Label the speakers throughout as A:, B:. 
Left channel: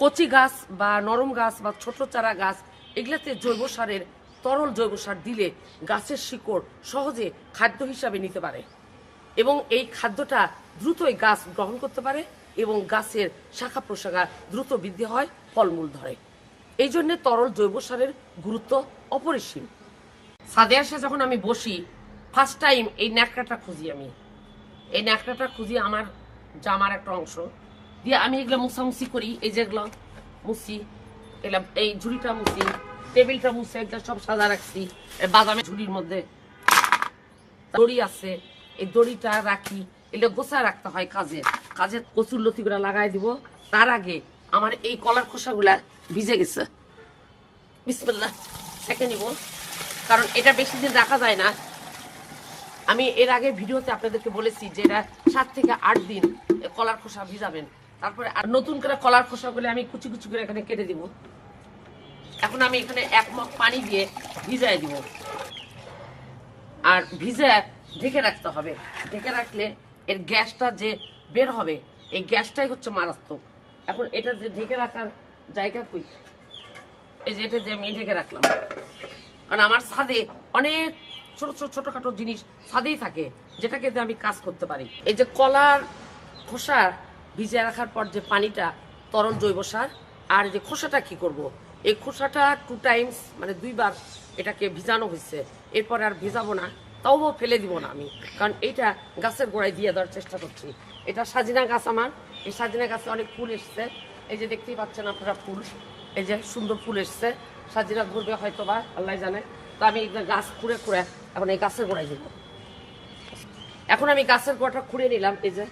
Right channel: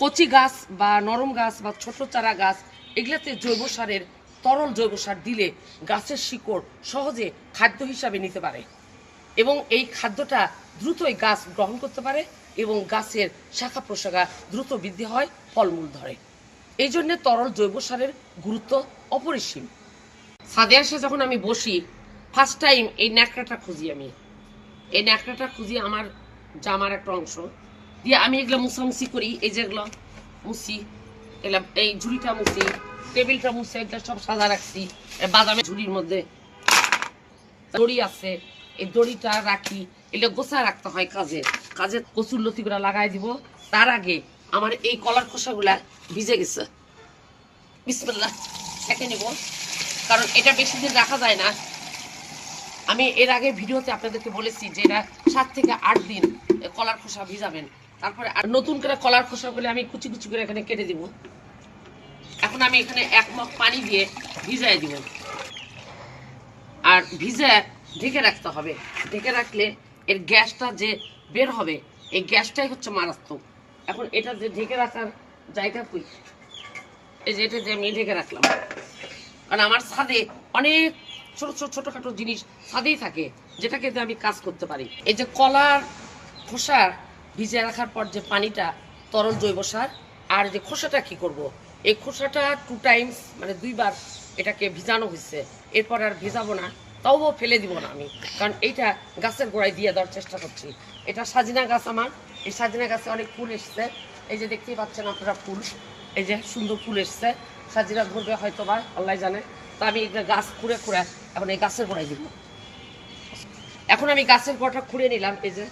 A: কচি গাছ বা নরম গাছ বা ছোট চারা গাছ, এগুলাতে জৈব সারের তরল জৈব সার দিলে গাছের শিকড় সহজে খাদ্য হিসাবে নিতে পারে। এবং এই খাদ্যটা দ্রুতই গাছ গ্রহণ করতে পারে এবং গাছের শাখা প্রশাখা দ্রুত বৃদ্ধি হয়, ফলমূল ধরে। এই জন্য তরল জৈব সারের গুরুত্ব অপরিসীম। ছাদে এসে যখন আমি বসি ফার্স্ট টাইম এই ন্যাকড়াটা খুঁজি আমি। এই ন্যাকড়াটা খুঁজি আমার জামার একটা অংশ। দিয়ে আমি এগুলো মুছামুছি করি, এই যেগুলো মুছি এগুলো এই ঝুড়িটা মুছি টেবিলটা মুছে এগুলো সব সাজা রাখছি। বাদামের ঝুড়ির মধ্যে দড়ি আছে, এই দড়িটা রাখি, এগুলো গোছায় রাখতে হয় কাজে। কাজে কচুর লতিগুলা লাগাই দিব। তার আগে আমার এই কলার খোসাগুলা ভিজে গেছে। বিসমিল্লাহ সেকে নিব। কারণ এটা বেশি দিন রাখা যায় না। আমি এর আগে ভিডিওতে আপনাদেরকে বলেছি যে এটা সাত থেকে আট দিন কলার খোসা ভিজাবেন। তারপরে আর নতুন করে কলার খোসা খোসাগুলো আমি কুচি কুচি করে এখানে কেটে দিব। এখন আমি এখানে এক মগ পানি দিয়ে ভিজায় দিব। আর ভিজে ঢেকে রাখতে হবে। ঢেকে রাখলে এর গ্যাসটা যে বের হবে, এই গ্যাসটাই হচ্ছে মারাত্মক। এখন এটা যে ঢেকে রাখার জায়গা কই? এই যে এটা যে আমি ঢেকে রাখলাম। কারণ আমার ছাদে অনেক ছোট ছোট ছোটোখাটো জিনিস ছাদেই থাকে, যেটাকে আমি কাজ করতে পারি। এই যে কলার খোসা ভিজে রাখার পর যে পানিটা, তরল জৈব সার, আর যে খোসাটা কি করব। এই খোসাটা টু টাইমস মানে দুইবার এটাকে ভিজানো হয়েছে এরপর আর ভিজাবো না, তাও ফেলে দিব না আমি। কারণ এইটা গাছের গোড়ায় দিয়ে দেওয়ার চেষ্টা করছি। এটা সাজিনা গাছ আমার। এই সাজিনা গাছে অনেক ফুল এসছে। এই যে দেখতেই পাচ্ছেন আপনারা ফুল। এই যে সুন্দর ফুল এসছে। সাজিনা ধরবে হয়তো বা আল্লাহ জানে। তো আমি এগুলো গাছ খুঁড়ে খুঁড়ে এখন এই গাছের গোড়ায় দিব। এখন আমি গাছের গোড়াটা খুঁড়ে নিলাম, এই যে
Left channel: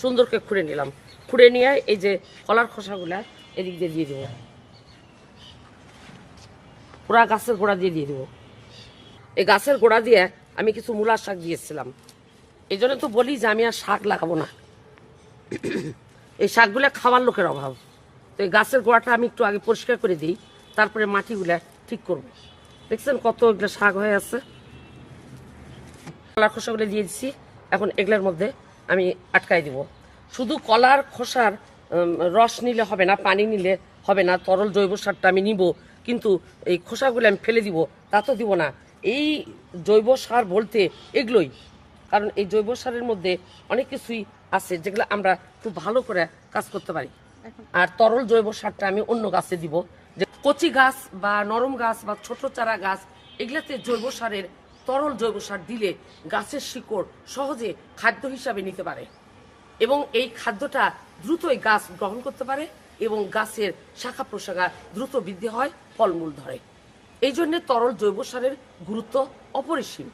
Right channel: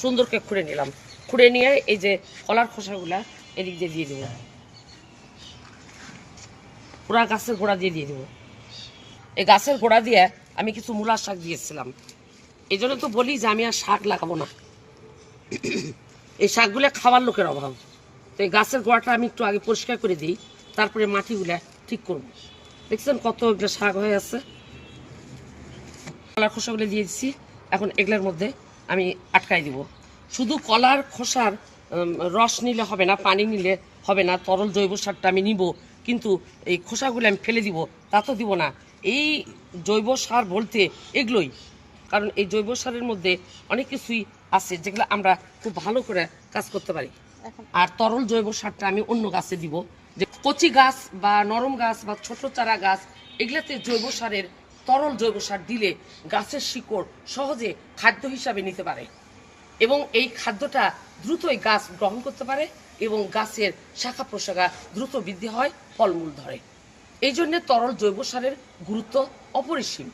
A: সুন্দরকে খুঁড়ে নিলাম। খুঁড়ে নিয়ে এই যে কলার খোসাগুলা এদিক দিয়ে দিয়ে দেবো। পুরা গাছের গোড়া দিয়ে দিয়ে দেবো। এই গাছের গোড়া দিয়ে আমি কিছু মূলার শাক দিয়েছিলাম। এই জন্য তো বলি যে আমি আর শাক লাগাবো না। এই শাকগুলো খাওয়ার লোকের অভাব। তো এই গাছের গোড়াটা আমি একটু আগে পরিষ্কার করে দিই, তারপরে মাটিগুলা ঠিক করব। দেখছেন কত এগুলো শাক হয়ে আছে। কলার খোসাগুলো দিয়ে দিচ্ছি এখন এগুলোর মধ্যে আমি আটকাই দিব। শুধু কলার খোসার রস নিলে হবে না পানি নিলে হবে না তরল জৈব সারটা আমি নিব কিন্তু এই খোসাগুলো আমি ফেলে দিব তা তো দিব না। এই জৈব সার বলতে এগুলোই। কারণ এই জৈব সারের মধ্যে অনেক কিছুই আছে যেগুলো আমরা খুব ভালো করে কাজ করতে পারি। আর তরল জৈব সারটা আমি অন্য গাছে দিব। যে কচি গাছ বা নরম গাছ বা ছোট চারা গাছ এগুলাতে জৈব সারের তরল জৈব সার দিলে গাছের শিকড় সহজে খাদ্য হিসাবে নিতে পারে। এবং এই খাদ্যটা দ্রুতই গাছ গ্রহণ করতে পারে এবং গাছের শাখা প্রশাখা দ্রুত বৃদ্ধি হয়, ফলমূল ধরে। এই জন্যে তরল জৈব সারের গুরুত্ব অপরিসীম।